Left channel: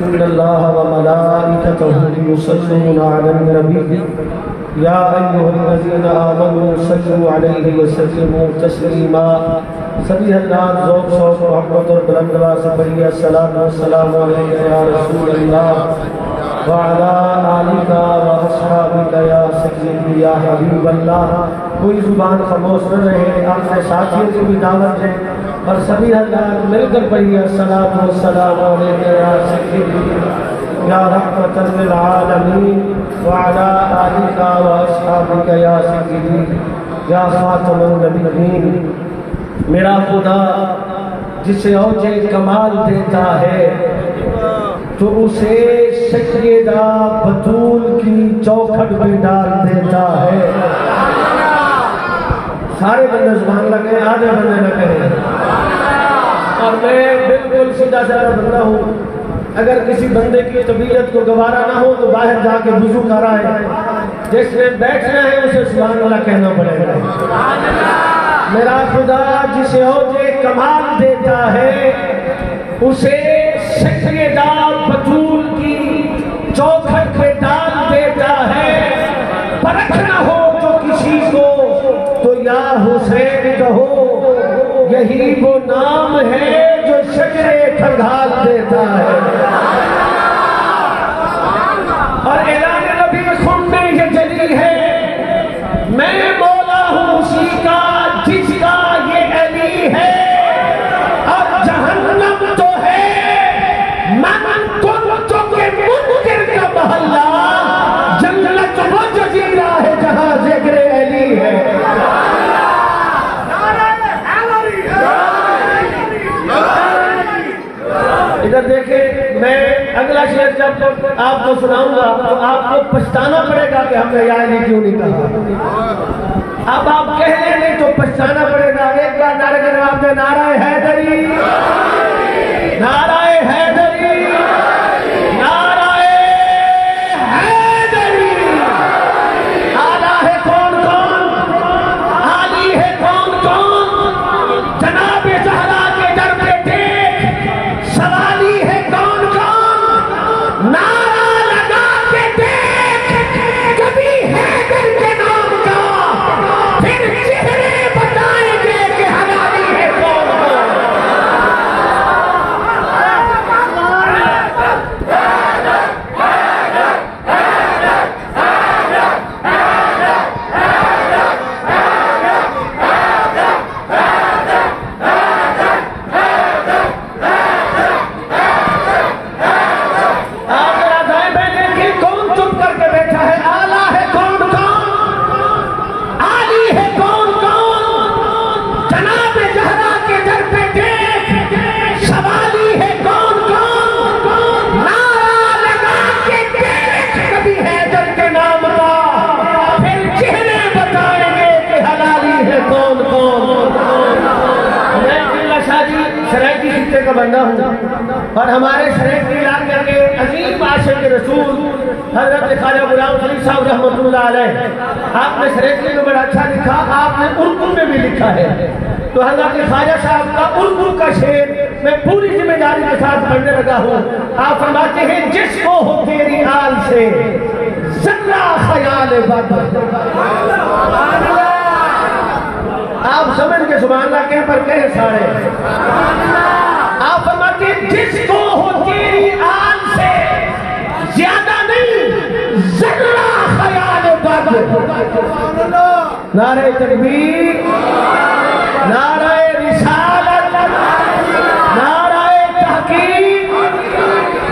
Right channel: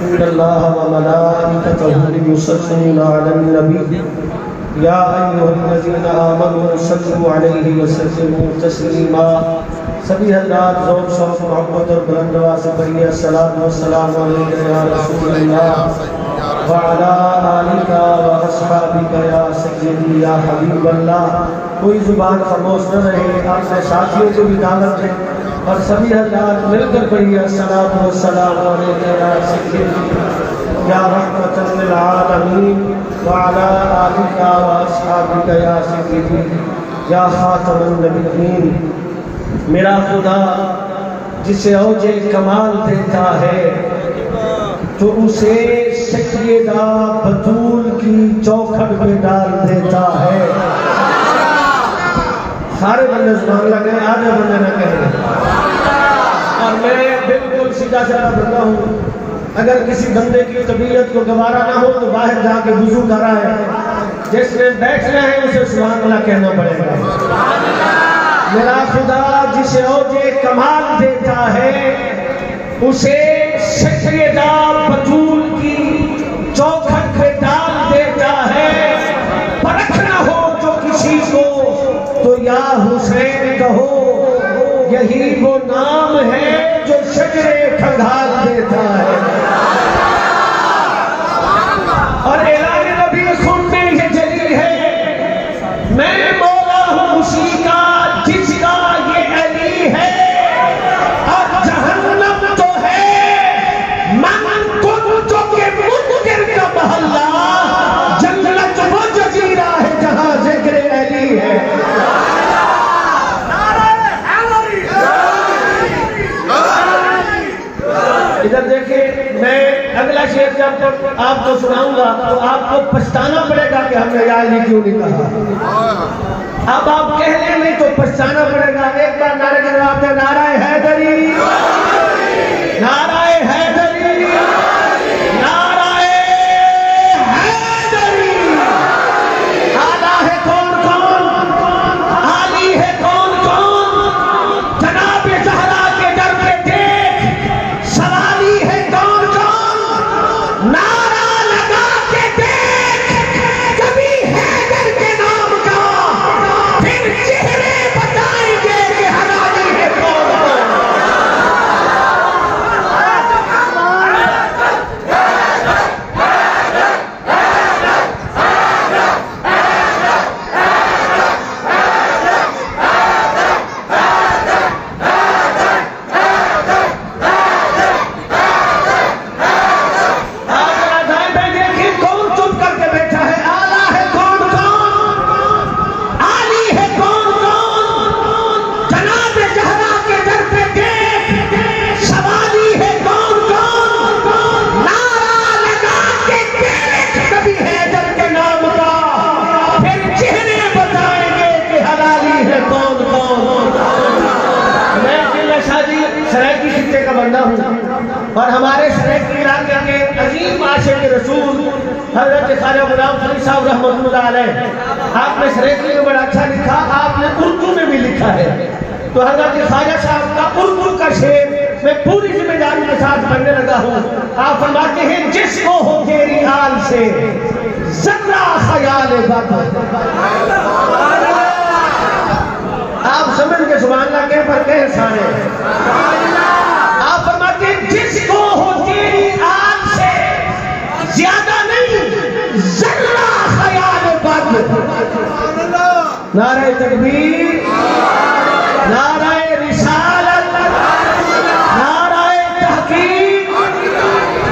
ان اللہ وملائکتہ یصلون علی النبی یا ایھا الذین آمنوا صلوا علیہ وسلموا تسلیما۔ سبھی حضرات ذوق شوق محبت اور بلند آواز سے پڑھیے الصلاۃ والسلام علیک یا رسول اللہ وعلی آلک واصحابک یا سیدی یا حبیب اللہ۔ کوئی زبان خاموش نہ رہے، آپ نے ساتھیوں کو بھی دعوت دیں اور سبھی حضرات مل کر پڑھیے الصلاۃ والسلام علیک یا سیدی یا رحمۃ للعالمین وعلی آلک واصحابک یا سیدی یا خاتم النبیین۔ میرا خدا جسے اوج کمال دیتا ہے تو اسے سیدہ بطول کی چوکھٹ پہ ڈال دیتا ہے۔ سارے بندے زبان لگے، آدھے بندے نہ کہیں۔ اور میں بالکل سیدھا سادہ بندہ ہوں، اگر کسی بندے کی طبیعت کو گوارا نہ ہو تو باہر جا کے وضو کرائے، جس نے بیٹھنا ہے اسے سبحان اللہ کہنا پڑے گا۔ میرا خدا جسے اوج کمال دیتا ہے اسے سیدہ بطول کی چوکھٹ پہ ڈال دیتا ہے۔ پرکھنا ہو جو کسی کو تو یا حسین کہو، یہی وہ نام ہے جو شجرے کھنگال دیتا ہے۔ اور اعلان نبی سننے یہ جلیل ہے، میں مولا ہوں اسی کا جس کا یہ علی ہے، اور جہنم تو ہے من کنت کے منکر کا محلہ، جنت وہ جزیرہ ہے جہاں ذکر علی ہے۔ ادھر دیکھیں، میں اگلا شعر جب آپ کو سناؤں گا تو آپ کو پچھتانا پڑے گا کہ ہم نے یا علی کیوں نہیں کہا۔ اب آپ کہہ لیں نہیں تو پچھتانا پڑے گا۔ ایک بار نعرے کے جواب دیں، نعرہ حیدری، نعرہ حیدری، نعرہ حیدری۔ آلہ ہے کون کون، علی ہے کون کون، جناب زہرا کے در پہ دیکھ سوالی ہے کون کون، نعرہ لگا کے دیکھ کبھی حیدر کے نام کا، پھر چہرے بتائیں گے کہ حلالی ہے کون کون۔ اور ہمارے سریکی علاقے کے عظیم عاشق رسول حضرت خواجہ غلام فرید صاحب رحمۃ اللہ علیہ، آپ نے سریکی میں بڑا اچھا لکھا، آپ نے اردو میں بھی لکھا ہے، تو حضرت خواجہ صاحب کا اردو کا شعر میں پوری ذمہ داری کے ساتھ پڑھنے لگا ہوں۔ آپ فرماتے ہیں، جس کو ہو تیری آل سے ذرہ خیال بد، آپ سمجھ کے سبحان اللہ کہیں پر کہیں سارے، آپ فرماتے ہیں جس کو ہو تیری آل سے زیادہ نہیں ذرہ خیال بد، نعرہ تکبیر، نعرہ رسالت، نعرہ تحقیق،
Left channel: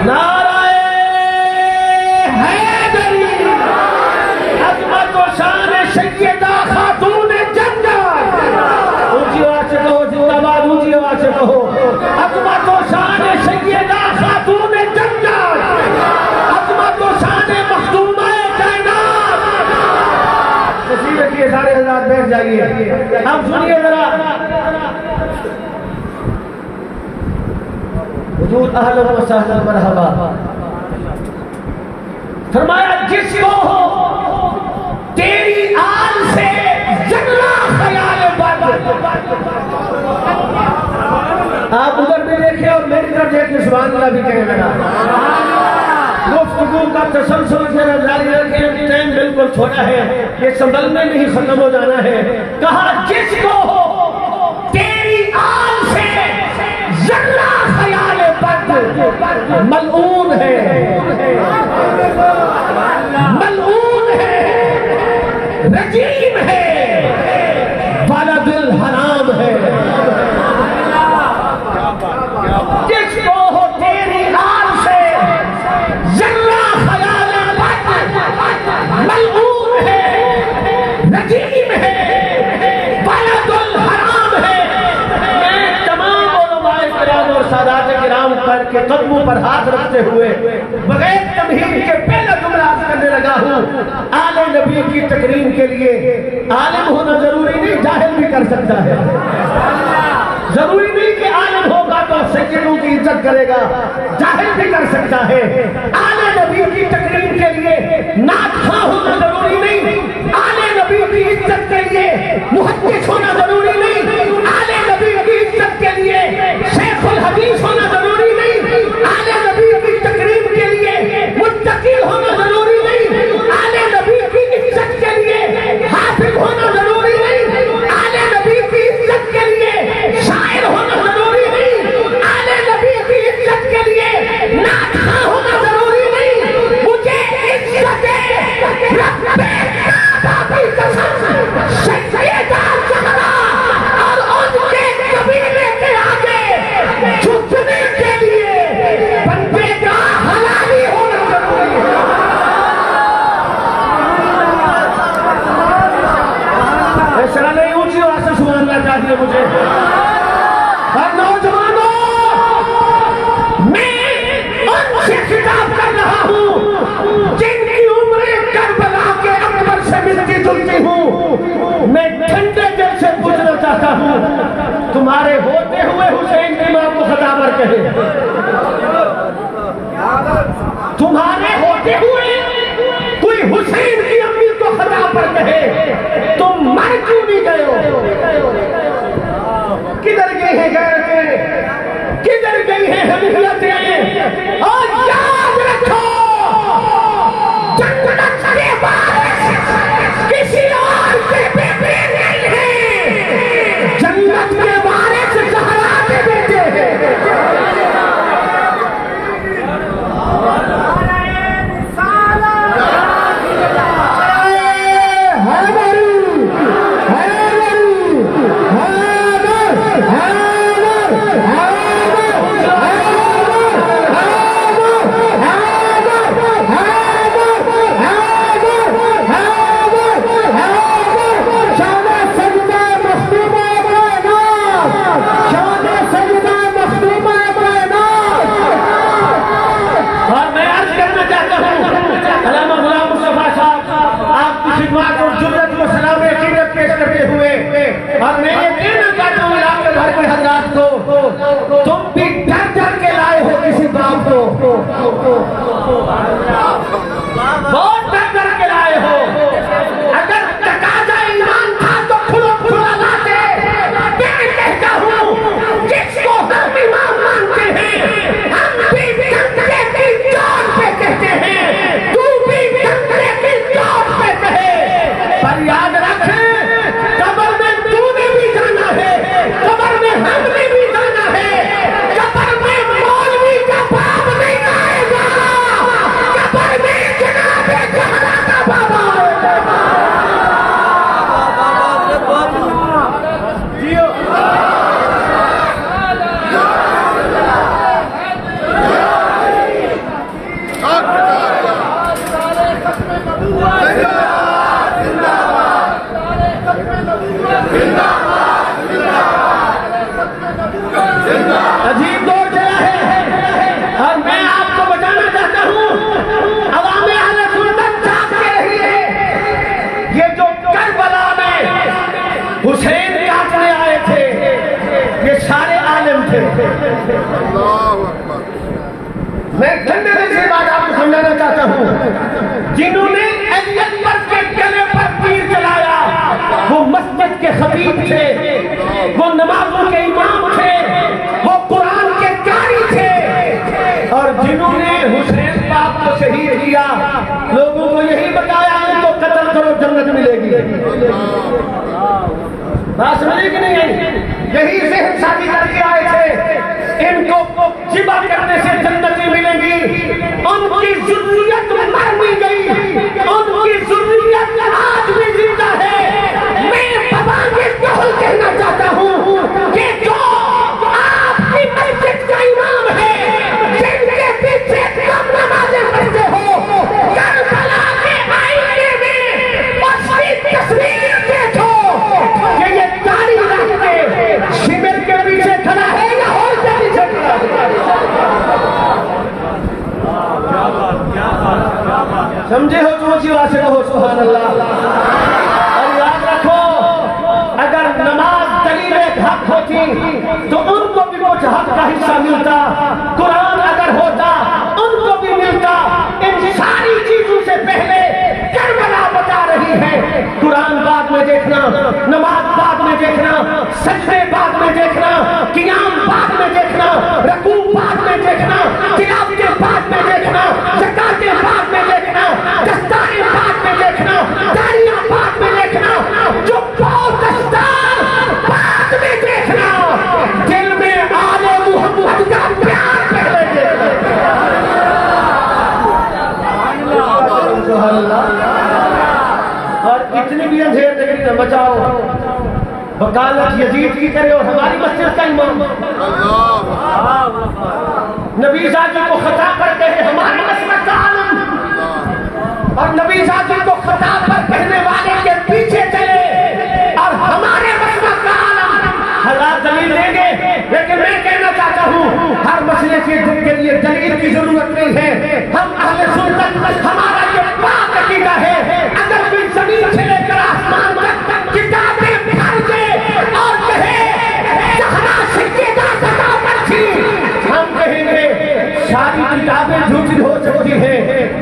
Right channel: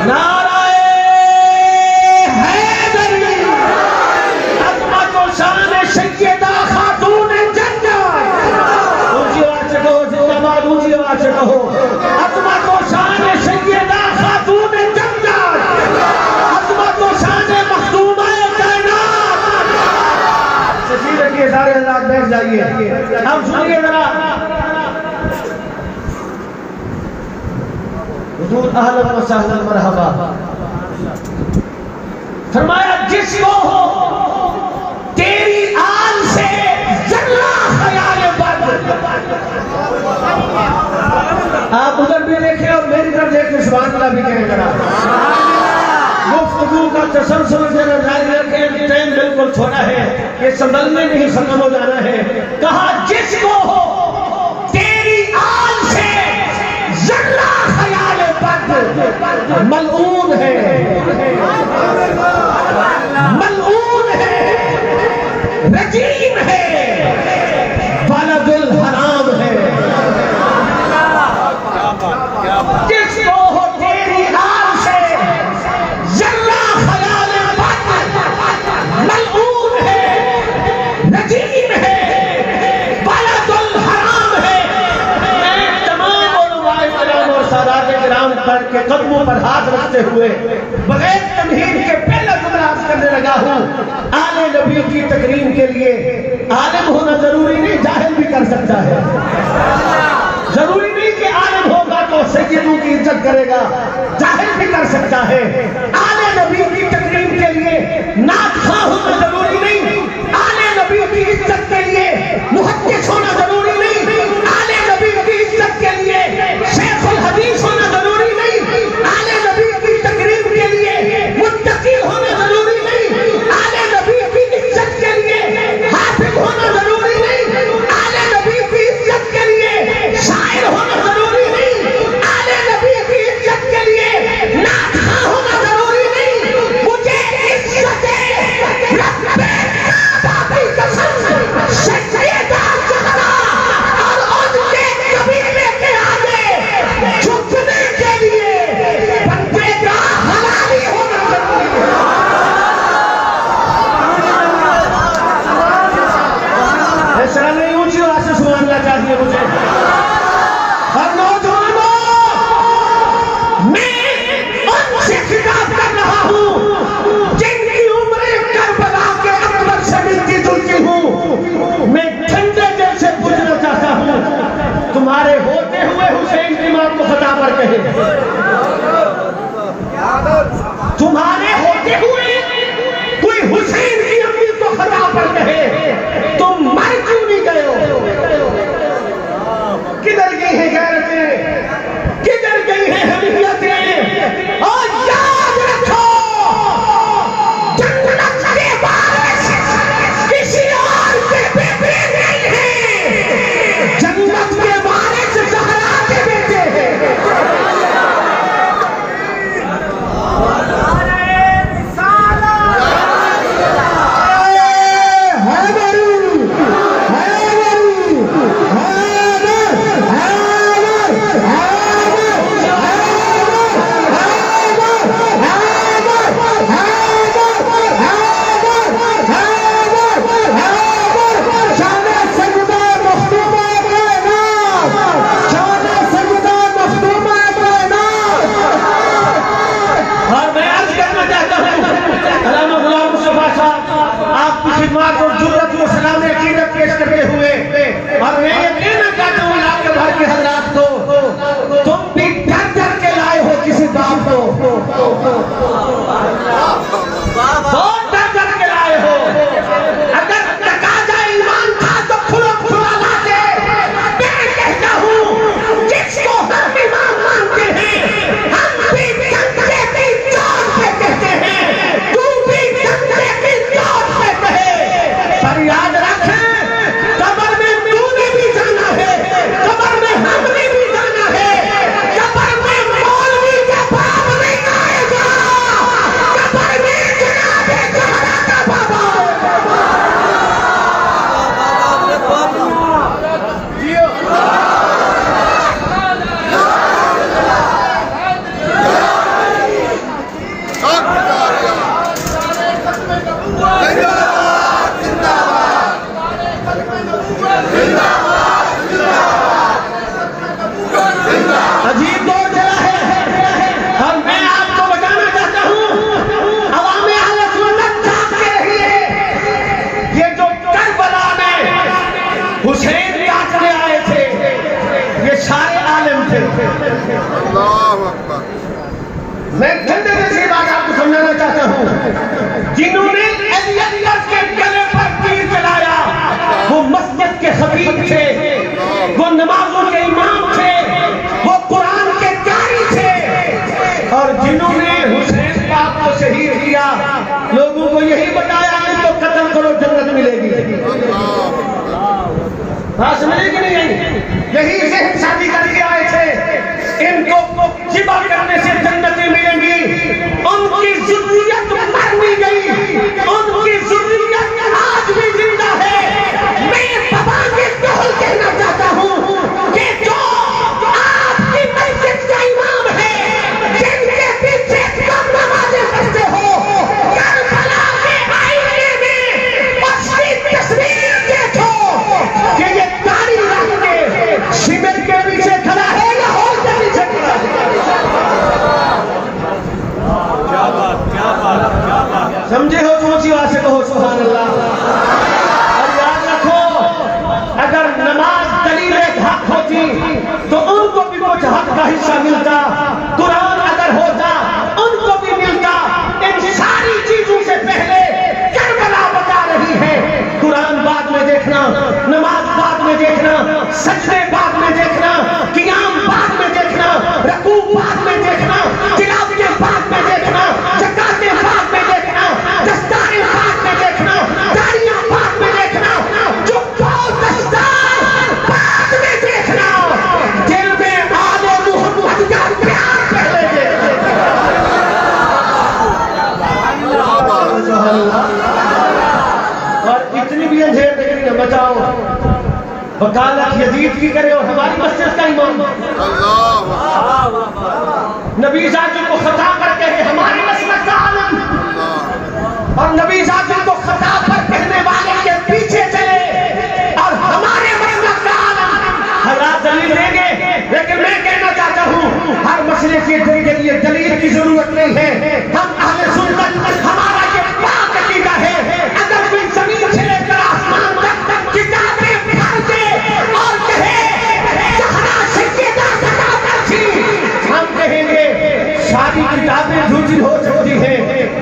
نعرہ حیدری، عظمت و شان سیدہ خاتون جنت، اونچی آواز سے کہو زندہ باد، اونچی آواز سے کہو، عظمت و شان سیدہ خاتون جنت، عظمت و شان مخدومہ کائنات۔ تشریف رکھیے سارے حضرات، بیٹھ جائیے، ہم سنیے ذرا حضور اہلا و سہلا مرحبا۔ فرمایا جس کو ہو تیری آل سے ذرہ خیال بد، آپ ادھر بھی دیکھیں اور میری طرف دیکھ کے سبحان اللہ بھی کہیں گا۔ باتوں کا تسلسل ذرا جاری رکھیں، ٹائم بالکل چھوٹا ہے، یہ سنبھلنے نہیں ختم ہو جانا ہے۔ کہا جس کو تیری آل سے ذرہ خیال بد ملعون ہے، ملعون ہے، رجیم ہے، ولد الحرام ہے۔ جس کو تیری آل سے ذرہ خیال بد ملعون ہے، رجیم ہے، ولد الحرام ہے۔ میں تمام علماء کرام اور سادات کرام پر کے قدموں پر ہاتھ رکھتے ہوئے بغیر تمہید کے پہلا جملہ عرض کرنے لگا ہوں، آل نبی کی تکریم کے لیے عالم ہونا ضروری نہیں، جاہل بھی کر سکتا ہے۔ ضروری نہیں کہ عالم ہوگا تو سیدوں کی عزت کرے گا، جاہل بھی کر سکتا ہے۔ آل نبی کی تکریم کے لیے نعت خواہ ہونا ضروری نہیں، آل نبی کی عزت کے لیے محدث ہونا ضروری نہیں، آل نبی کی عزت کے لیے شیخ الحدیث ہونا ضروری نہیں، آل نبی کی تکریم کے لیے متقی ہونا ضروری نہیں، آل نبی کی عزت کے لیے حافظ ہونا ضروری نہیں، آل نبی کی عزت کے لیے شاعر ہونا ضروری نہیں، آل نبی کی عزت کے لیے نعت خواہ ہونا ضروری نہیں۔ مجھے عزت رب کعبہ کی قسم سیدہ زہرا اور ان کے قبیلے کے آگے جھکنے کے لیے بندے کا حلالی ہونا ضروری ہے۔ ایسا نہیں اونچی آواز سے سنانا چاہیے مجھے۔ اور نوجوانوں، میں ان سے خطاب کر رہا ہوں جن کی عمریں کربلا کے اکبر سے ملتی جلتی ہوں۔ میں ٹھنڈے دل سے پوچھنا چاہتا ہوں، تمہارے ہوتے ہوئے حسین کی ماں کو خطا پر کہے، تمہارے ہوتے ہوئے کوئی حسین کی امی کو خطا پر کہے، تم مر کیوں نہیں گئے ہو؟ کدھر گئی ہیں غیرتیں، کدھر گئی ہیں حمیتیں؟ اور یاد رکھو، جنت کے وارث کسی اور کے بیٹے نہیں ہیں، جنت کے وارث زہرا کے بیٹے ہیں۔ عجیب دور چلا ہے اور میں آپ کو بتانا چاہتا ہوں، عوام اہل سنت چاہتے ہیں یہ جو کربلا میں حسین کاٹنے آئے تھے یہ سارے عالم تھے۔ اللہ اکبر۔ میں ٹھنڈے دل سے بات آپ کو سمجھانا چاہتا ہوں، جنہوں نے علی اکبر کے گلے پر تیر چلایا وہ مسجد کے خطیب تھے، وہ نمازوں کے امام تھے، وہ قرآن کے قاری تھے، اور جنہوں نے حسین کا کو شہید کیا، لوگوں کو یہی بتایا ان کو قتل کرو جنت ملے گی۔ بات سمجھے کہ نہیں؟ یہی ذہن شادی کر کے آئے تھے، ان کو ذبح کرنے سے جنتیں ملیں گی۔ ان کی ذریت مر نہیں گئی، ان کی ذریت آج بھی زندہ ہے۔ میں بابا یہ قول کہنا چاہتا ہوں کہ جو آپ کی مسجد کا امام ہے، جن کے پیچھے کم نمازیں پڑھتے ہو، کربلا کے آئینے میں اس کی تصویر دیکھو کہ یہ داڑھی رکھ کے شمر کے پیچھے کھڑا ہے یا ہال کے پیچھے کھڑا ہے؟ سمجھے ہو جو اونچی آواز سے کہو سبحان اللہ۔ اور یاد رکھو اگر نماز دلیل ایک حق ہوتی تو ان کو بھی وہ حق کا حصہ ملتا، قرآن اگر ہوتا ان کو بھی ملتا۔ ان ساری چیزوں سے پہلے کربلا بتا رہی ہے، قرآن بعد میں دیکھنا، نماز بعد میں دیکھنا، سجدے بعد میں دیکھنا، قیام بعد میں دیکھنا، رکوع بعد میں دیکھنا، تلاوتیں بعد میں دیکھنا، زکاتیں بعد میں دیکھنا، دستاریں بعد میں دیکھنا، داڑیاں بعد میں دیکھنا، جو دستار بعد میں دیکھنا، دل میں آل محمد کا پیار پہلے دیکھنا۔ اور اتنی بھی اندھیر ڈگری نہ بچاؤ، وکالت یزید کی کرے اور ہماری مسجد کا امام نبی ذاتی کو خطا کرتے ہیں ہماری مسجد کا عالم، اور نبی ذاتی کو خطا پر کہنے والے کے پیچھے چلے اور ہمارے مسجد کا عالم۔ حضرات دلیل دیں گے، لیکن میں کہنا چاہتا ہوں ہر مسئلے کے لیے دلیل کی ضرورت نہیں ہے۔ ہم اہل سنت، ہمارا یہ پاک عقیدہ ہے، اگر کوئی زمین سے لے کر آسمان تک کتابیں بھر دے اور کہے جہاں سیدہ کتابیں تھی، ہم کہیں گے ساری کتابیں جھوٹی ہو سکتی ہیں،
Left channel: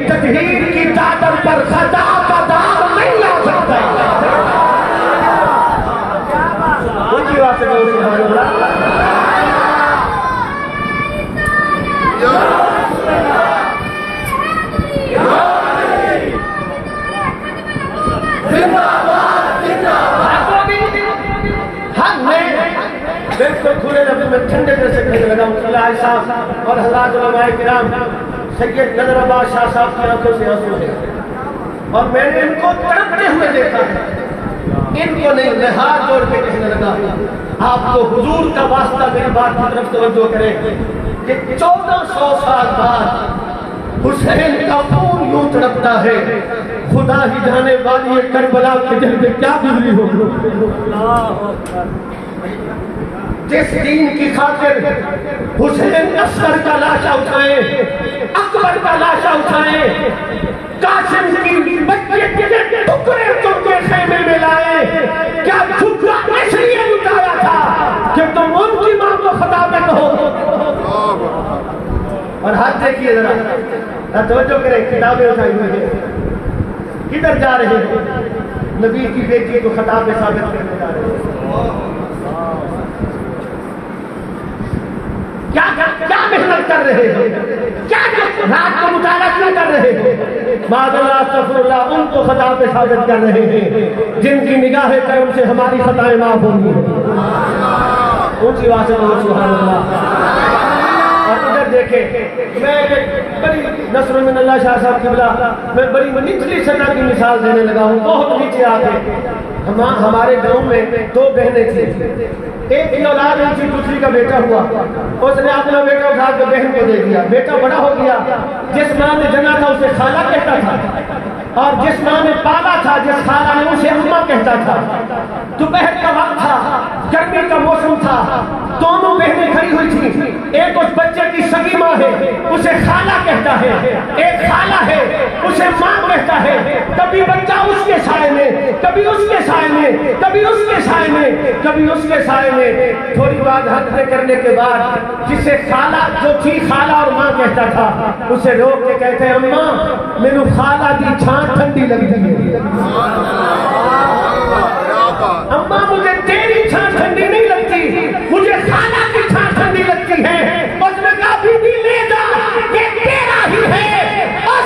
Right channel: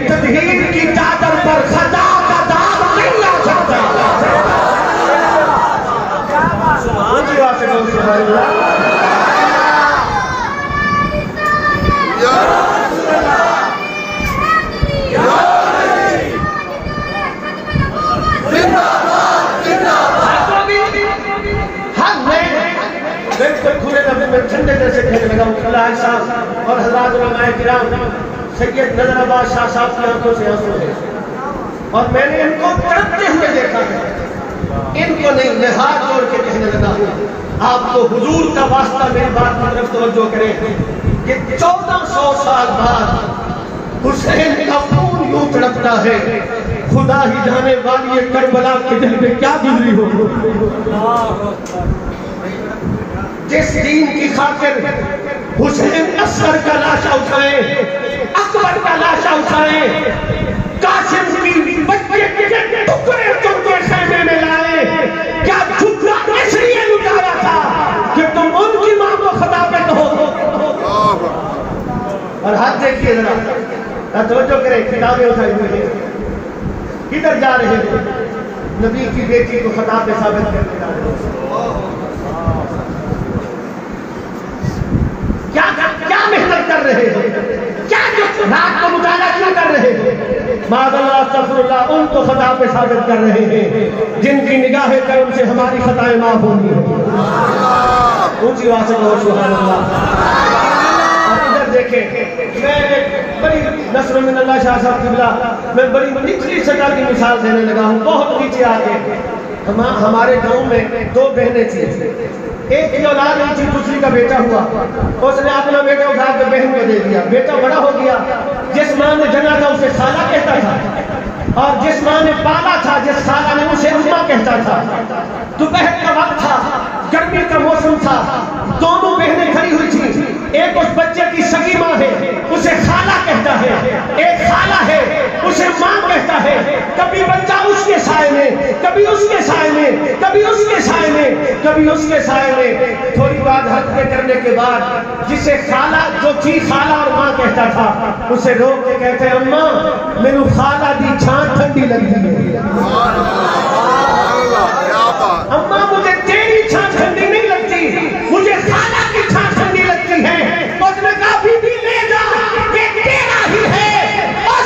تطہیر کی چادر پر خطا کا داغ نہیں آ سکتا۔ اونچی آواز سے کہو سبحان اللہ۔ ٹھنڈے جیسے کہنے لگا ملا صاحب اور حضرات علماء کرام، سید نظر آباد شاہ صاحب کی آنکھوں سے آنسو ہے، اور میں نے ان کو تڑپتے ہوئے دیکھا ہے۔ ان کو نہیں، میں ہاتھ جوڑ کے کہنے لگا آپ کو حضور کا واسطہ میری بات کی طرف توجہ کریں کہ 1400 سال بعد حسین کا خون یوں تڑپتا ہے، خدا ہی جانے والی کربلا کے دل میں کیا گزری ہو۔ جس دین کی خاطر حسین اصغر کا لاشا اٹھائیں، اکبر کا لاشا اٹھائیں، قاسم کی بچے کے ٹکڑے ٹکڑے خیمے میں لائے، کیا جھگڑا اس لیے لٹایا تھا کہ تم ان کی ماں کو خطا پہ کہو؟ اور ہاتھ دیکھیے ذرا، توجہ کریں، کتابیں اٹھائی ہوئی ہیں، کدھر جا رہے ہیں؟ نبی کی بیٹی کو خطا پہ ثابت کرنے جا رہے ہیں۔ کیا محنت کر رہے ہیں؟ کیا رات کو مطالعہ کیوں کر رہے ہیں؟ معاذ اللہ استغفر اللہ، ان کو خطا پہ ثابت کر رہے ہیں جن کی نگاہ کرم سے ہماری خطائیں معاف ہوں گی۔ اونچی آواز سے کہو سبحان اللہ۔ اور ادھر دیکھیں، میں ایک بڑی نصر من اللہ شاہ صاحب قبلہ، میں بڑی نچلی سطح کی مثال دینے لگا ہوں، بہت نیچے آ کے۔ ہمارے گاؤں میں 2 بہنیں تھیں، ایک کی اولاد نہیں تھی، دوسری کا بیٹا ہوا، اس نے اپنا بیٹا اٹھا کے بہن کو دے دیا، بیٹا بڑا ہو گیا، جس ماں نے جنا تھا اسے خالہ کہتا تھا، اور جس ماں نے پالا تھا، جس خالہ نے اسے اماں کہتا تھا۔ دوپہر کا وقت تھا، گرمی کا موسم تھا، دونوں بہنیں کھڑی ہوئی تھیں، ایک اس بچے کی سگی ماں ہے، اسے خالہ کہتا ہے، ایک خالہ ہے، اسے ماں کہتا ہے۔ کبھی بچہ اس کے سائے میں، کبھی اس کے سائے میں، کبھی اس کے سائے میں، کبھی اس کے سائے میں۔ تھوڑی بات حد کرنے کے بعد جسے خالہ جو تھی خالہ اور ماں کہتا تھا، اسے روک کے کہتے ہیں اماں مینو خالہ دی چھان ٹھنڈی لگتی ہے، اماں مجھے تیری چھان ٹھنڈی نہیں لگتی، مجھے خالہ کی چھان ٹھنڈی لگتی ہے۔ اس نے کہا بی بی لے جا، یہ تیرا ہی ہے، اور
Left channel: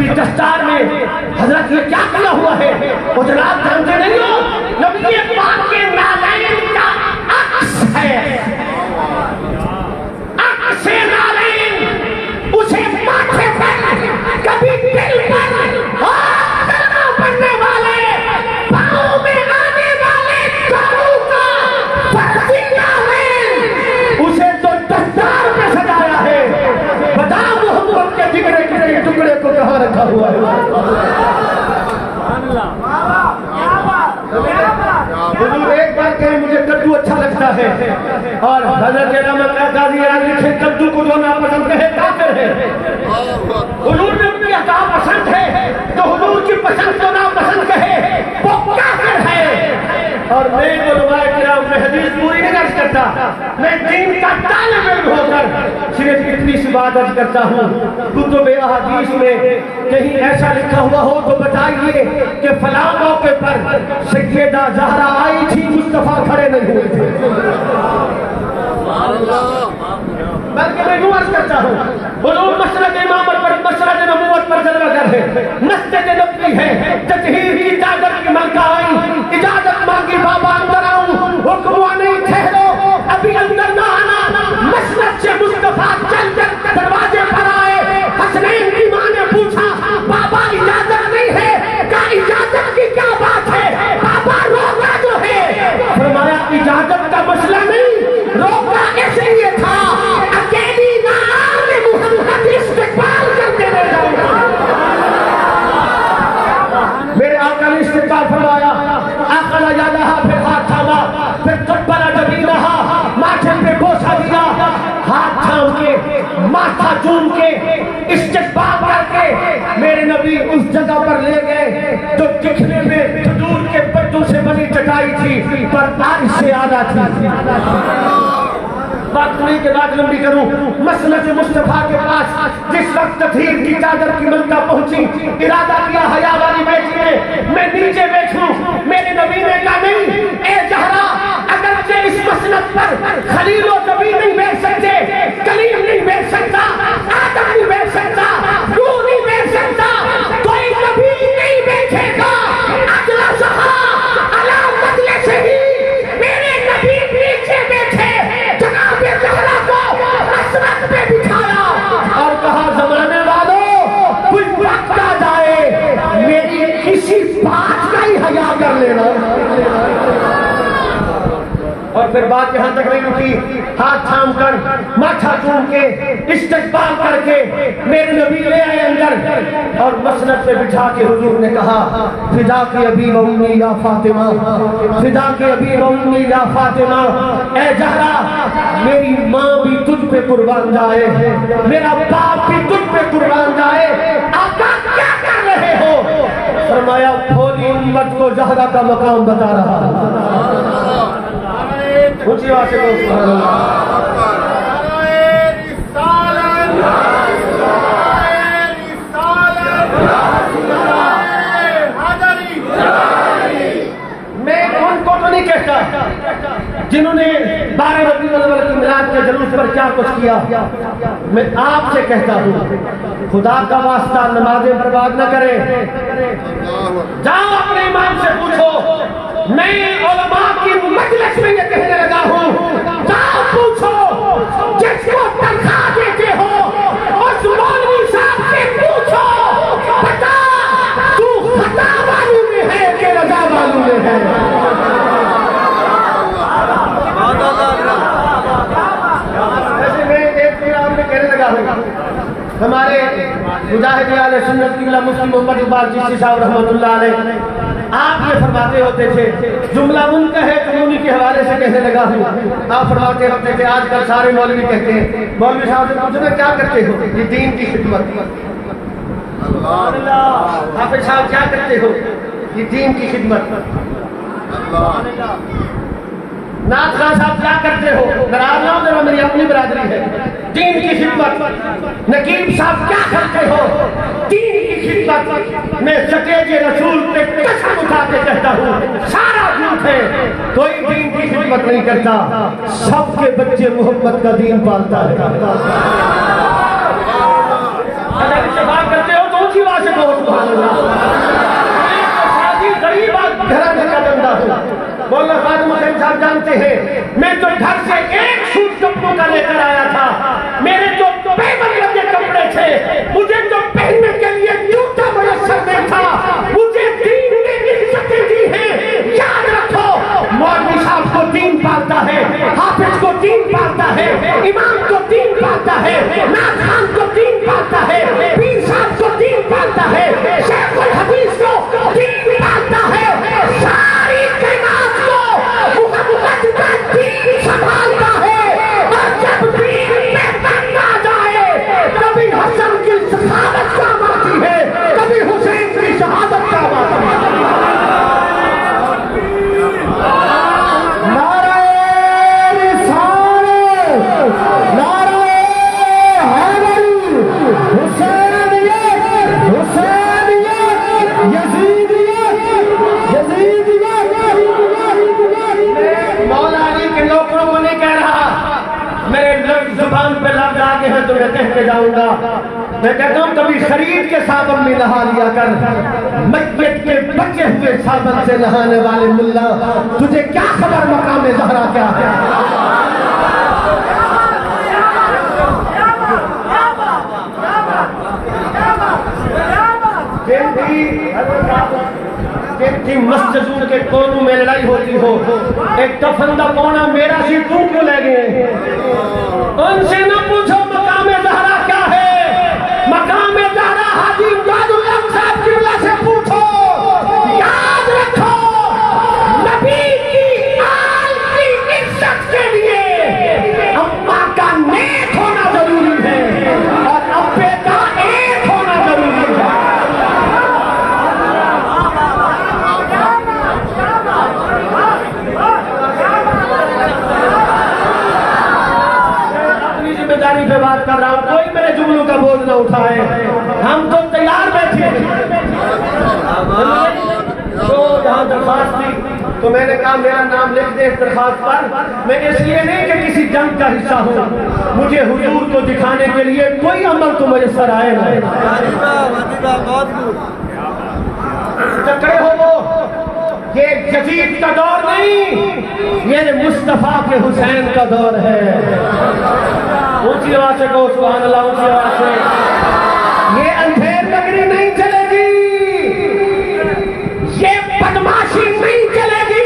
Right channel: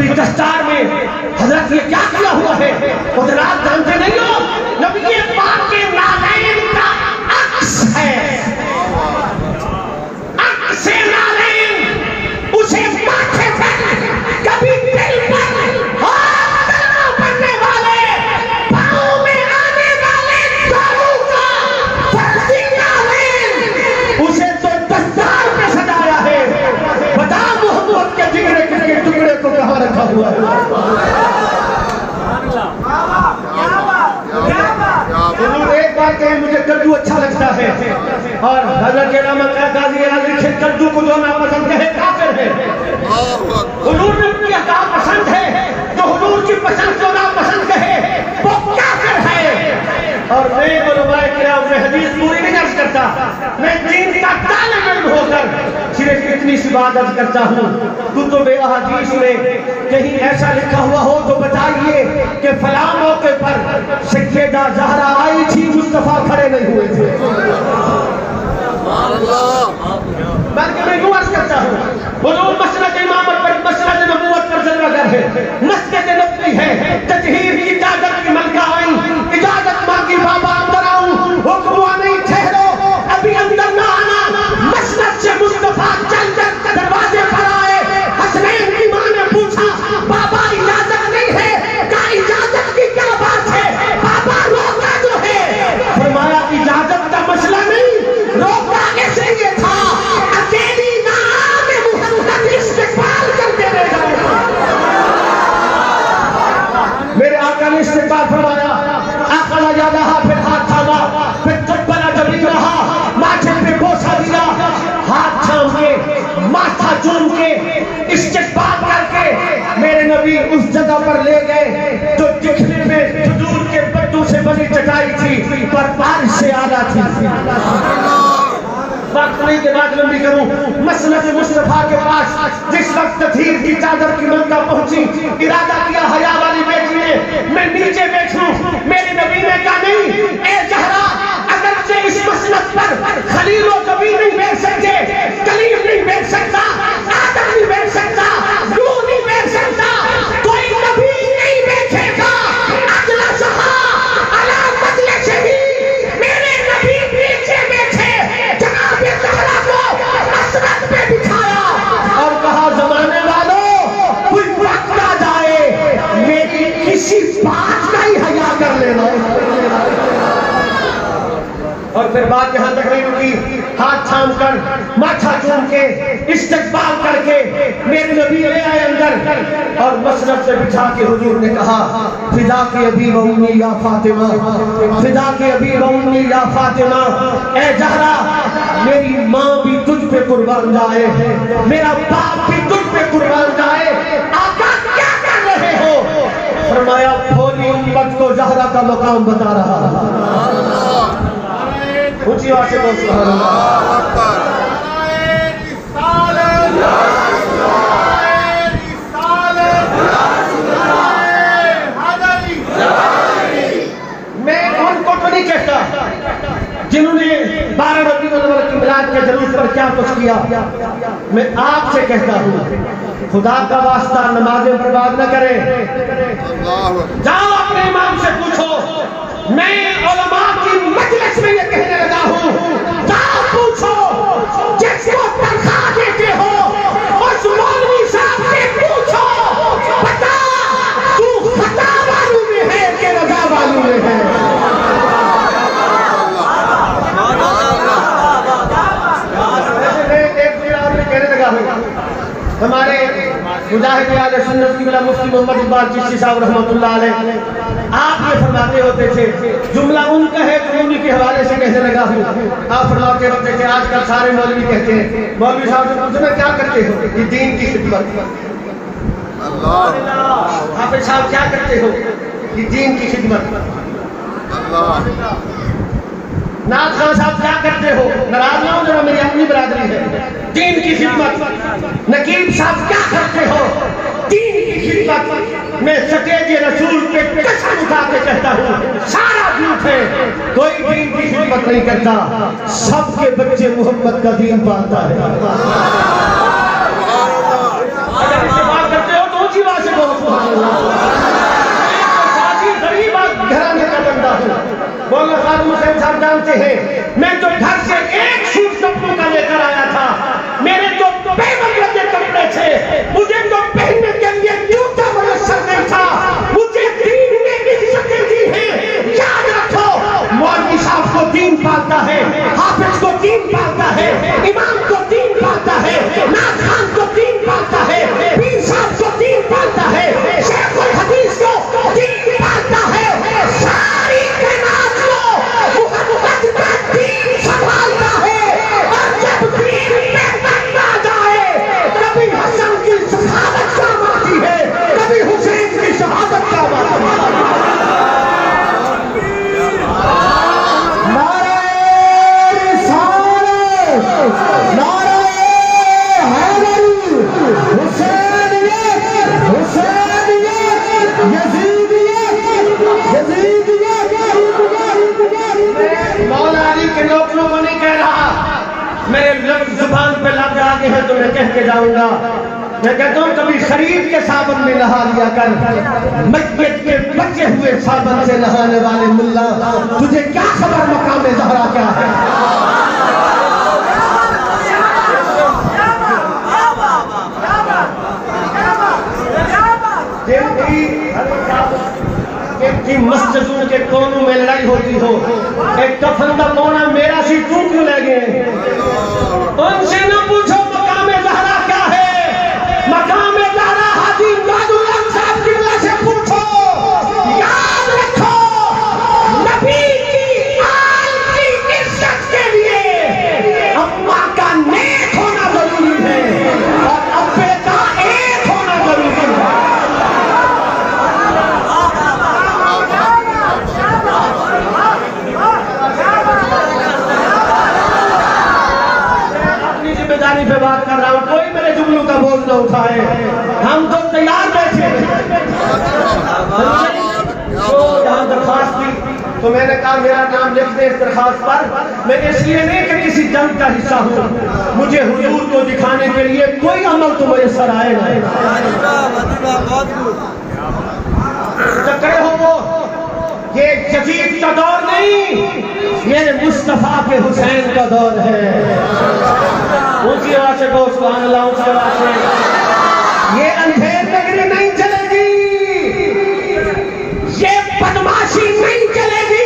کبھی دستار میں حضرت نے کیا کیا ہوا ہے حضرات جانتے نہیں ہو؟ نبی پاک کے نالین کا عکس ہے، عکس نالین، اسے ماتھے پر کبھی دل پر کلمہ پڑھنے والے پاؤں میں آنے والے داروں کا فرضی نالین، اسے تو دستار میں سجایا ہے۔ بتا محمد کے جگرے کے ٹکڑے کو کہاں رکھا ہوا ہے؟ حضور ایک بات کہیں مجھے کدو اچھا لگتا ہے، اور حضرت رحمت قاضی آج لکھے کدو کو جو ناپسند ہے کافر ہے۔ حضور نے ان کی عطا پسند ہے، جو حضور کی پسند کو ناپسند کہے وہ کافر ہے۔ اور میں علماء کرام میں حدیث پوری نہیں عرض کرتا، میں دین کا طالب علم ہو کر صرف اتنی سی بات عرض کرتا ہوں، کتب احادیث میں کہیں ایسا لکھا ہوا ہو تو بتائیے کہ فلاں موقع پر سیدہ زہرا آئی تھی، مصطفیٰ کھڑے نہیں ہوئے تھے۔ بلکہ میں یوں عرض کرتا ہوں، حضور مسند امامت پر، مسند نبوت پر جلوہ گر ہے، مسجد نبوی ہے، تطہیر کی اجازت کی ملکہ آئی، اجازت مانگی بابا اندر آؤں، حکم ہوا نہیں ٹھہرو، ابھی اندر نہ آنا۔ مسجد سے مصطفیٰ چل کر دروازے پر آئے، حسنین کی ماں نے پوچھا بابا اجازت نہیں ہے، کہا اجازت کی کیا بات ہے، بابا روکا جو ہے۔ فرمایا اجازت کا مسئلہ نہیں، روکا اس لیے تھا اکیلی نام محمد استقبال کرتے رہے۔ میرے آقا نے استقبال فرمایا، آقا لگا رہا، پھر ہاتھ تھاما، پھر کبلا جبی رہا، ماتھے پہ بوسہ دیا، ہاتھ تھام کے ماتھا چوم کے استقبال کر کے میرے نبی اس جگہ پر لے گئے جو دکھنے میں کھجور کے پتوں سے بنی چٹائی تھی پر بارش سے آلہ تھی۔ بات نہیں کہ بات لمبی کروں، مسند مصطفیٰ کے پاس جس وقت تطہیر کی چادر کی ملکہ پہنچی، ارادہ کیا حیا والی بیٹی نے میں نیچے بیٹھوں، میرے نبی نے کہا نہیں، اے زہرا اگرچہ اس مسند پر خلیل و نبی نہیں بیٹھ سکتے، کلیم نہیں بیٹھ سکتا، آدم نہیں بیٹھ سکتا، نوح نہیں بیٹھ سکتا، کوئی نبی نہیں بیٹھے گا۔ اجلا سہا علی مجلس ہی، میرے نبی نیچے بیٹھے، جناب زہرا کو مسند پہ بٹھایا اور کہا زمانے والوں کوئی وقت آ جائے میری کسی بات کا ہی حیا کر لینا۔ اور پھر بات یہاں تک نہیں رکی، ہاتھ تھام کر ماتھا چوم کے استقبال کر کے میرے نبی لے آئے اندر اور مسند سے بٹھا کے حضور نے کہا فدا کے ابی و امی یا فاطمہ، فدا کے ابی و امی یا فاطمہ، اے زہرا میری ماں بھی تجھ پہ قربان جائے، میرا باپ بھی تجھ پہ قربان جائے، آقا کیا کر رہے ہو؟ فرمایا پوری امت کو زہرا کا مقام بتا رہا۔ اونچی آواز سے بول سبحان اللہ۔ میں ان کو تو نہیں کہتا جنہوں نے 12 ربیع الاول کی میلاد کے جلوس پر کیا کچھ کیا، میں آپ سے کہتا ہوں خدا کا واسطہ نمازیں برباد نہ کرے، جاؤ اپنے امام سے پوچھو، میں علماء کی مجلس میں یہ کہنے لگا ہوں، جاؤ پوچھو جس کو تنخواہ دیتے ہو اس مولوی صاحب سے پوچھو، بتا تو خطا والوں میں ہے کہ رضا والوں میں ہے۔ ہمارے مجاہد اہل سنت قبلہ مفتی محمد اقبال چشتی صاحب رحمۃ اللہ علیہ آپ یہ فرماتے ہوتے تھے، جملہ ان کا ہے تو انہی کے حوالے سے کہنے لگا ہوں، آپ فرماتے ہوتے تھے آج کل سارے مولوی کہتے ہیں، مولوی صاحب سے پوچھنا کیا کرتے ہو؟ یہ دین کی خدمت۔ حافظ صاحب کیا کرتے ہو؟ یہ دین کی خدمت۔ نعت خان صاحب کیا کرتے ہو؟ ناراض نہ ہو ذرا، میری اپنی برادری ہے، دین کی خدمت۔ نقیب صاحب کیا کرتے ہو؟ دین کی خدمت۔ میں سکیج رسول پہ قسم اٹھا کے کہتا ہوں سارا جھوٹ ہے، کوئی دین کی خدمت نہیں کرتا، سب کے بچے محمد کا دین پالتا ہے۔ اگر اتفاق کرتے ہو تو اونچی آواز سے میں کہتا ہوں کبھی خرید کے صابن میں نہا لیا کر، میت کے بچے ہوئے صابن سے نہانے والے ملا، تجھے کیا خبر مقام زہرا کیا ہے؟ جن کی مسجدوں کے کونوں میں لڑائی ہوتی ہو، ایک کفن کا پونا میرا سی تو کیوں لے گئے؟ ان سے نہ پوچھو مقام زہرا کیا ہے، مقام زہرا حاجی امداد اللہ صاحب کی وجہ سے پوچھو۔ یاد رکھو نبی کی آل کی عزت کے لیے اماں کا نیک ہونا ضروری ہے اور ابے کا ایک ہونا ضروری ہے۔ پہ بات کر رہا ہوں، کوئی میرے جملوں کا بول نہ اٹھائے، ہم تو تیار بیٹھے جہاں درخواست تھی تو میں نے کہا میرا نام لکھ دیں اس درخواست پر۔ میں اس لیے نہیں کہ کسی جنگ کا حصہ ہوں، مجھے حضور کو دکھانے کے لیے کوئی عمل تو میسر آئے گا۔ کہے ہو وہ یہ جدید کا دور نہیں، یہ مصطفیٰ کے حسین کا دور ہے۔ اونچی آواز سے کہو سبحان اللہ، اونچی آواز سے۔ یہ اندھیر نگری نہیں چلے گی، یہ بدماشی نہیں چلے گی،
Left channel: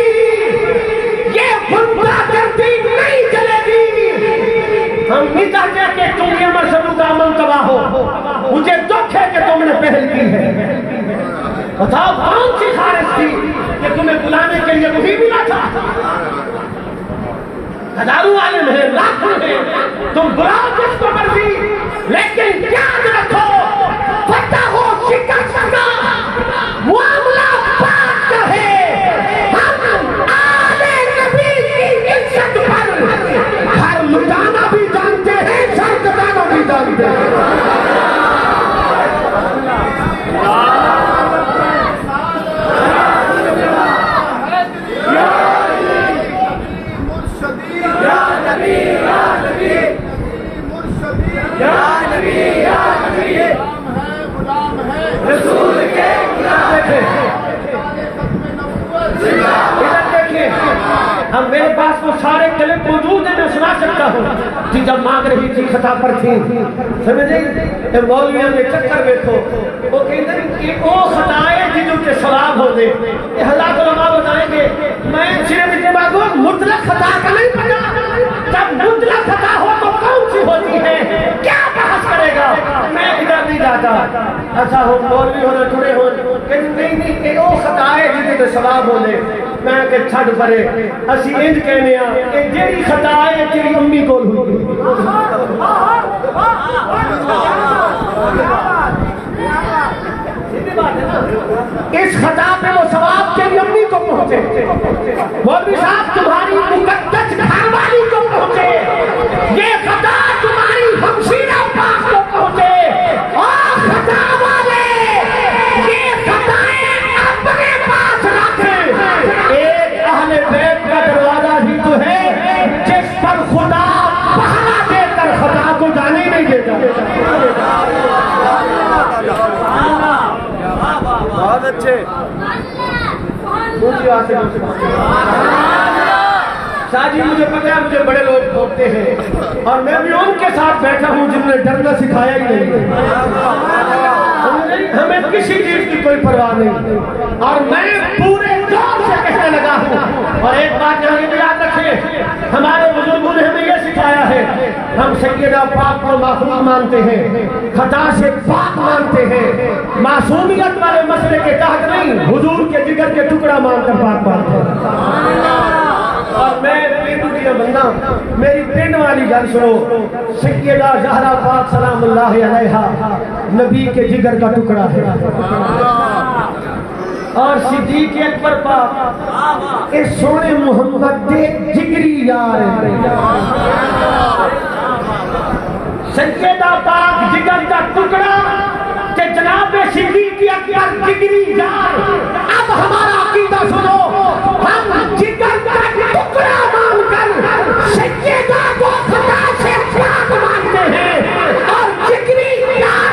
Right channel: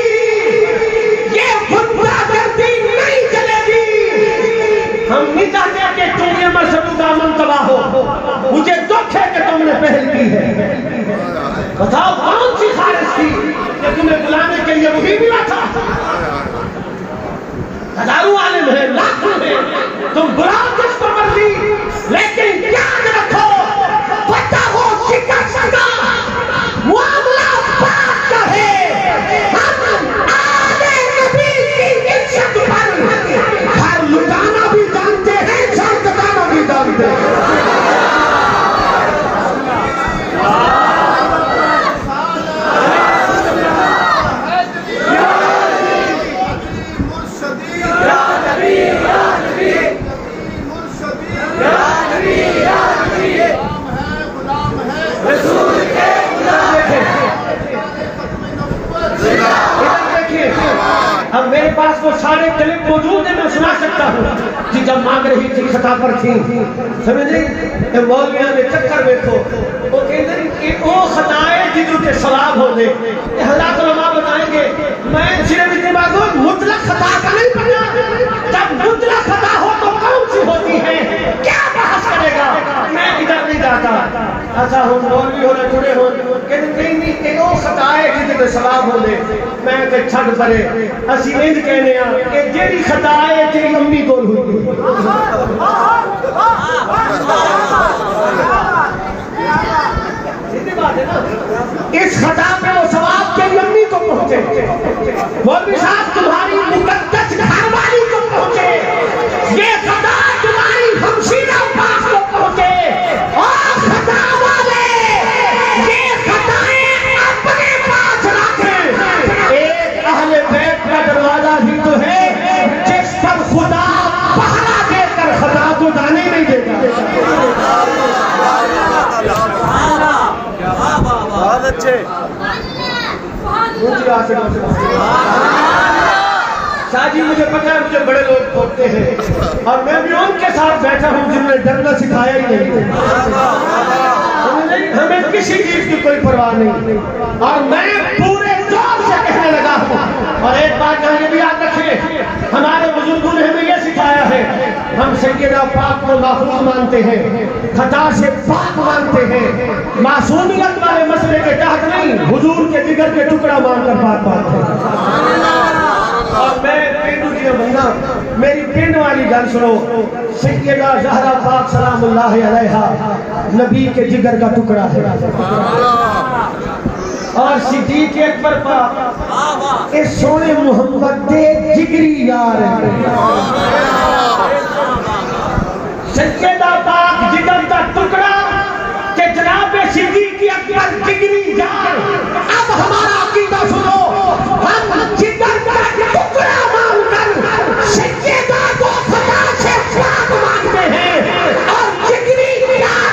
یہ گنڈا گردی نہیں چلے گی۔ ہم نہیں چاہتے کہ دنیا میں سب کا امن تباہ ہو، مجھے دکھ ہے کہ تم نے پہل کی ہے۔ بتاؤ کون سی خارج تھی کہ تمہیں بلانے کے لیے وہی ملا تھا؟ ہزاروں عالم ہیں، لاکھوں ہیں، تم بلاؤ جس کو مرضی، لیکن یاد رکھو فتح ہو شکست کا معاملہ بات کا ہے۔ ہم آل نبی کی عزت پر گھر لٹانا بھی جانتے ہیں، سر کٹانا بھی جانتے ہیں۔ اب میرے پاس وہ سارے کلپ موجود ہیں، میں سنا سکتا ہوں کہ جب مانگ رہی تھی خطا پر تھی، سمجھے کہ مولویاں میں چکر بیٹھو، وہ کہتے ہیں کہ وہ خطائیں جنہوں کے ثواب ہو دے۔ یہ حضرات علماء بتائیں گے، میں صرف اتنے بات ہوں مطلق خطا کا نہیں پڑھا، جب مطلق خطا ہو تو کون سی ہوتی ہے، کیا بحث کرے گا؟ میں ادھر نہیں جاتا۔ اچھا ہو مولوی ہونا چھوڑے ہو کہ نہیں کہ وہ خطائیں جنہوں کے ثواب ہو دے، میں کہ چھڑ پرے اسی انج کہنے ہاں کہ جیڑی خطا ہے تیری امی کول ہوئی۔ اس خطا پہ وہ ثواب تیری امی کو پہنچے، مولوی صاحب تمہاری مقدس گھر والی کو پہنچے، یہ خطا تمہاری ہمشیرہ پاس کو پہنچے۔ اور خطا والے یہ خطائیں اپنے پاس رکھیں۔ ایک اہل بیت کا دروازہ ہی تو ہے جس پر خدا پہرا دے کر خطا کو جانے نہیں دیتا۔ بہت اچھے شاہ جی مجھے پتا ہے مجھے بڑے لوگ بولتے ہیں اور میں بھی ان کے ساتھ بیٹھا ہوں جن نے ڈرنا سکھایا ہی نہیں۔ ہمیں کسی چیز کی کوئی پرواہ نہیں اور میں پورے جوش سے کہنے لگا ہوں۔ اور ایک بات یہاں بھی یاد رکھیں، ہمارے بزرگوں نے ہمیں یہ سکھایا ہے، ہم سیدنا پاک کو محفوظ مانتے ہیں، خطا سے پاک مانتے ہیں، معصومیت والے مسئلے کے تحت نہیں، حضور کے جگر کے ٹکڑا مان کر پاک مانتے ہیں۔ اور میں پینڈو کی بندہ، میری پینڈ والی گل سنو، سیدہ زہرا پاک سلام اللہ علیہا نبی کے جگر کا ٹکڑا ہے، اور صدیق اکبر پاک اس سونے محمد دے جگری یار ہیں۔ سیدہ پاک جگر کا ٹکڑا کہ جناب صدیق اکبر جگری یار۔ اب ہمارا عقیدہ سنو، ہم جگر کا ٹکڑا مان کر سیدہ کو خطا سے پاک مانتے ہیں اور جگری یار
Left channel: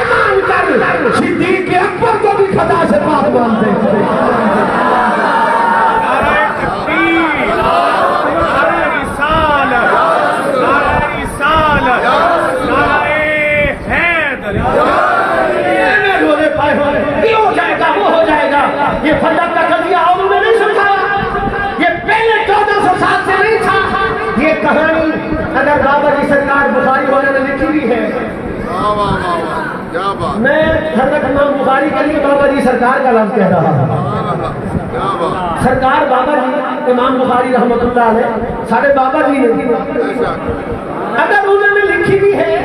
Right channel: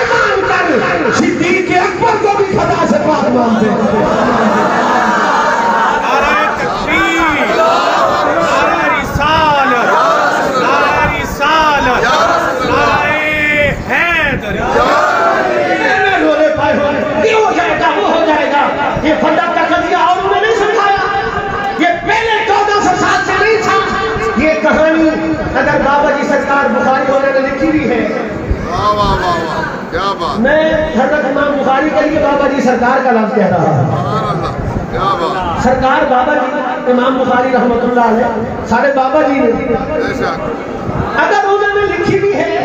سرکار کا لفظ کہہ رہا ہے. سرکار بابا جی امام بخاری رحمۃ اللہ علیہ سارے بابا جی نے اگر انہوں نے لکھی بھی ہے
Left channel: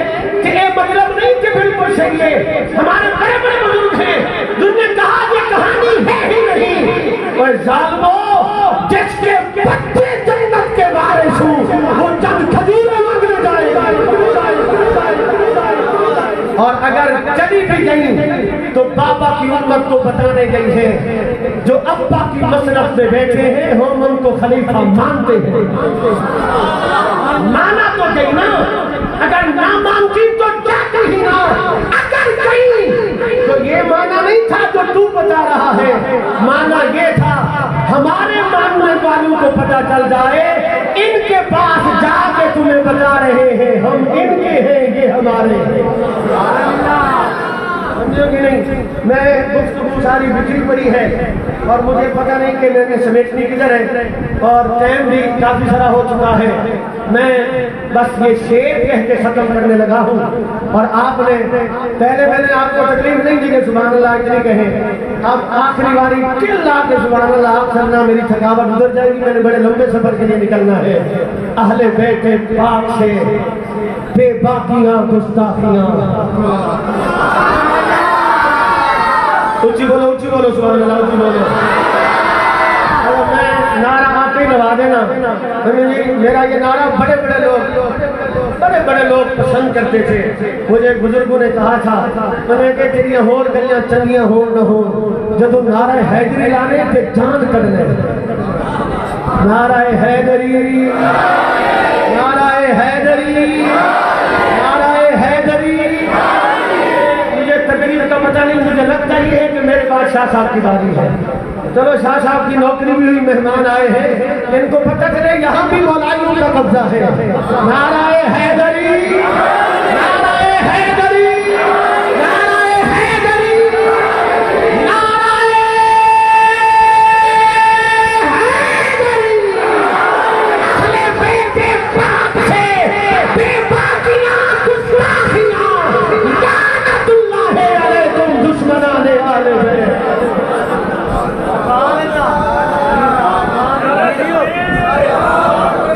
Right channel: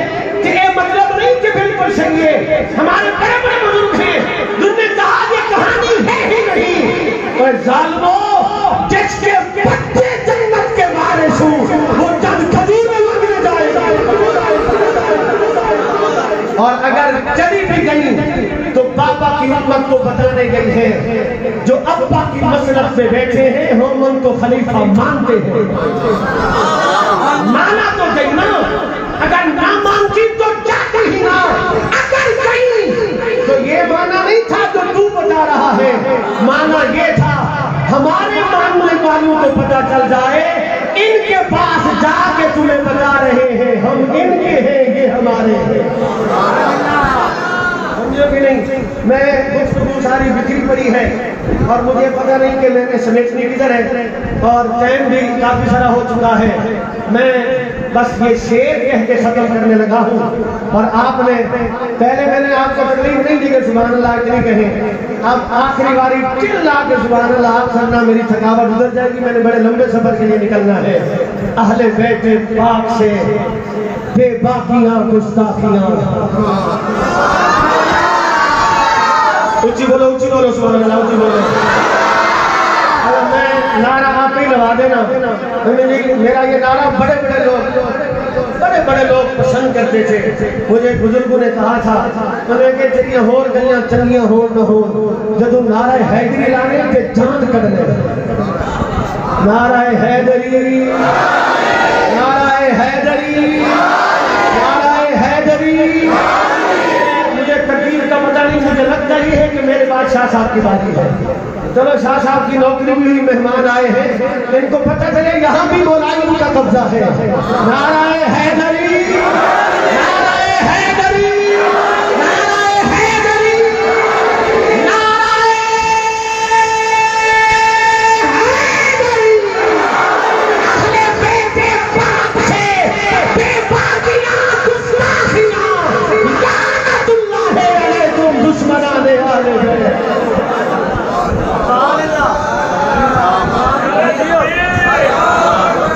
کہ یہ مطلب نہیں کہ بالکل صحیح ہے. ہمارے بڑے بڑے بزرگ ہیں جن نے کہا یہ کہانی ہے ہی نہیں. اور ظالموں جس کے بچے جنت کے وارث ہوں وہ چند قدیم مانگنے جائے گا. اور اگر چلی بھی گئی تو بابا کی امت کو بتانے گئی ہے جو ابا کی مسرت پہ بیٹھے ہیں ہم ان کو خلیفہ مانتے ہیں. نانا تو گئی نا, اگر نہ مانتی تو جاتی ہی نہ. اگر گئی تو یہ مانا نہیں تھا جو تو بتا رہا ہے, مانا یہ تھا ہمارے ماننے والوں کو پتہ چل جائے ان کے پاس جا کے تمہیں بتا رہے ہیں ہم ان کے ہیں یہ ہمارے ہیں. بھی نہیں میں گفتگو ساری بکھری پڑی ہے اور مجھے پتہ نہیں کہ میں نے سمیٹنی کدھر ہے اور ٹائم بھی کافی سارا ہو چکا ہے. میں بس یہ شعر کہہ کے ختم کرنے لگا ہوں. اور آپ نے پہلے میں نے آپ کو تکلیف نہیں دی کہ سبحان اللہ اتنی کہیں, اب آخری باری چلا کے سبحان اللہ آپ سننا, میری تھکاوٹ ادھر جائے گی. میں نے بڑے لمبے سفر کے لیے نکلنا ہے. اہل بیت پاک سے بے باقیاں گستاخیاں. اونچی بولو سبحان اللہ, اونچی بولو. میں نعرہ آپ ہی لگا دینا. میرا یہ نعرہ بڑے بڑے لوگ پسند کرتے تھے. مجھے بزرگوں نے کہا تھا میں نے کہ تیری ہور گلیاں چنگیاں ہو نہ ہو جدو نعرہ حیدری لانے تے چاند کر لے. نعرہ حیدری, نعرہ حیدری, نعرہ حیدری. مجھے تقدیر کا پتہ نہیں, مجھے لگتا ہی ہے کہ میرے بعد شاہ صاحب کی باری ہے. چلو شاہ صاحب کی نوکری بھی ہوئی, مہمان آئے ہیں, ان کو پتہ چلے یہاں بھی ولایت کا قبضہ ہے. نعرہ حیدری.